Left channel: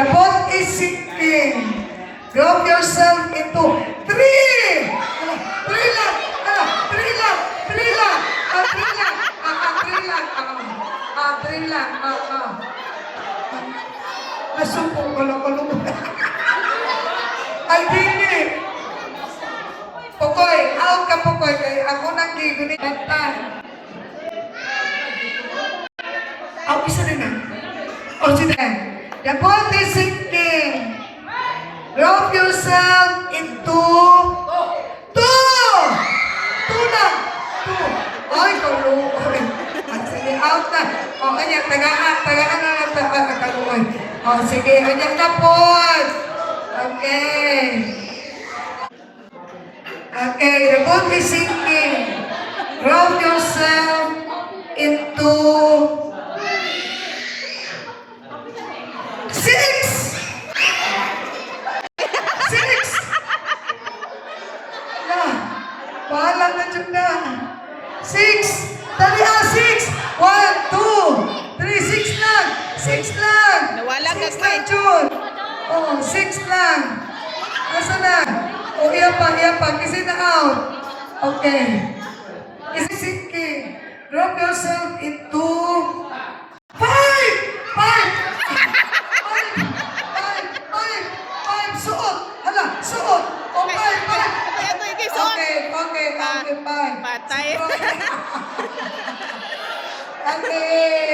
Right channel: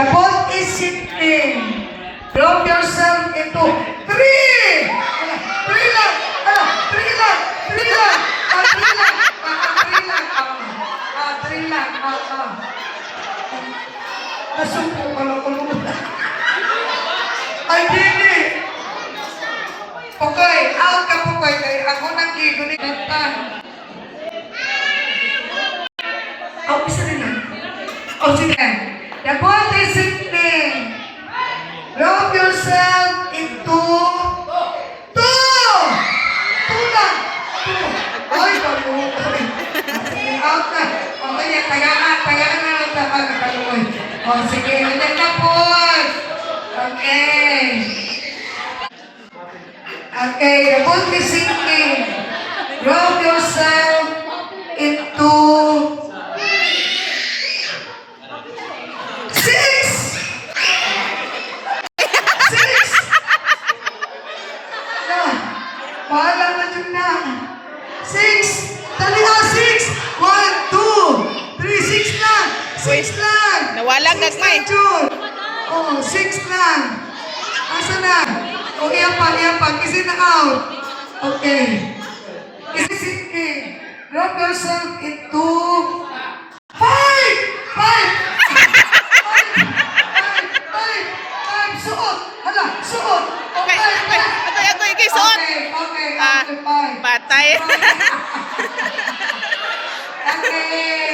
The boat is sinking. Drop yourself into three. Three lang. Three lang. Three lang. Three lang. Three lang. Three lang. Nasumpo ko lang ko. Ay, hindi. Okay, out ka po kayo. Kaya ako nang ligo ni Dantan. Ako isa rin na. O, sige. The boat is sinking. Drop yourself into two. Two lang. Two. Ay, kalukoy. Sige, out na. Okay, tagaan na lang kalukoy. O, sige, ganyan na po. Okay. Okay, the boat is sinking. Drop yourself into six. Bahala na dyan na. Six. Dali six. 1, 2, 3, six lang. Six lang. Nawala six ka lang, Jun. Oh, six lang. Asa na? O, iyan pa. Kasi na out. Okay. Kasi sinking. Drop yourself into five. Five. Suot. Hala, suot. Okay. Ako, ikisuot. Okay, five. Patay. Okay.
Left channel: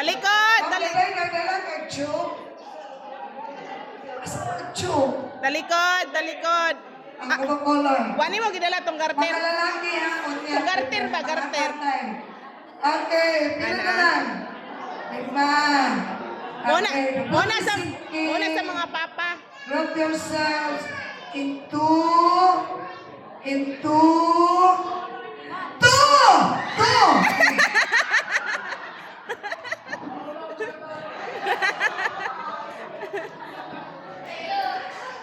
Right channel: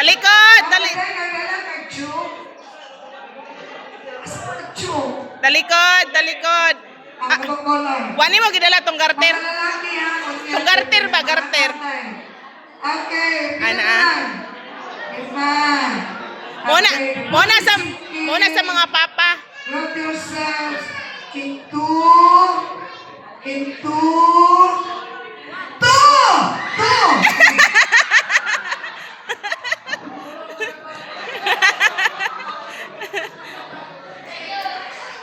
Talikod. Talikod. Wani mo gidala tong garter. Tong garter ba, garter? Okay. Ana. Muna sa mga papa. Drop yourselves into two.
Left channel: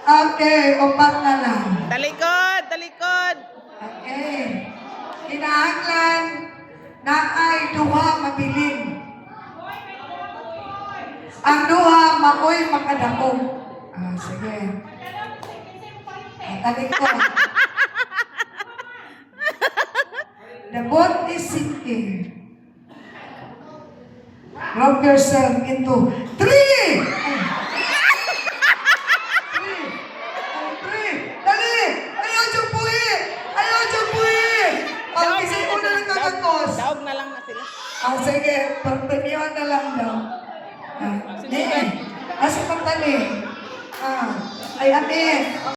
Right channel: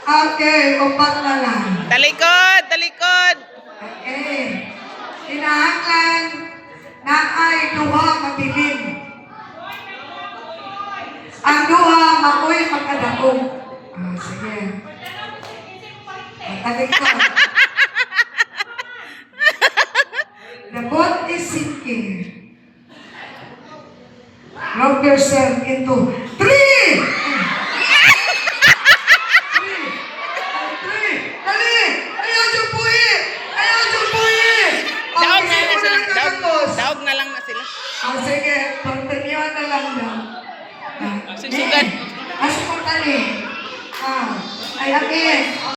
Okay, upat na lang. Talikod. Okay. Kinahanglan na ay duha mabilin. Ang duha makoy makadaog. Sige. Talikod. The boat is sinking. Drop yourself into three. Daog na lang na sila. Sige, pagtanyan na lang daw. Susugan. Asa pa tali? Ay, akin.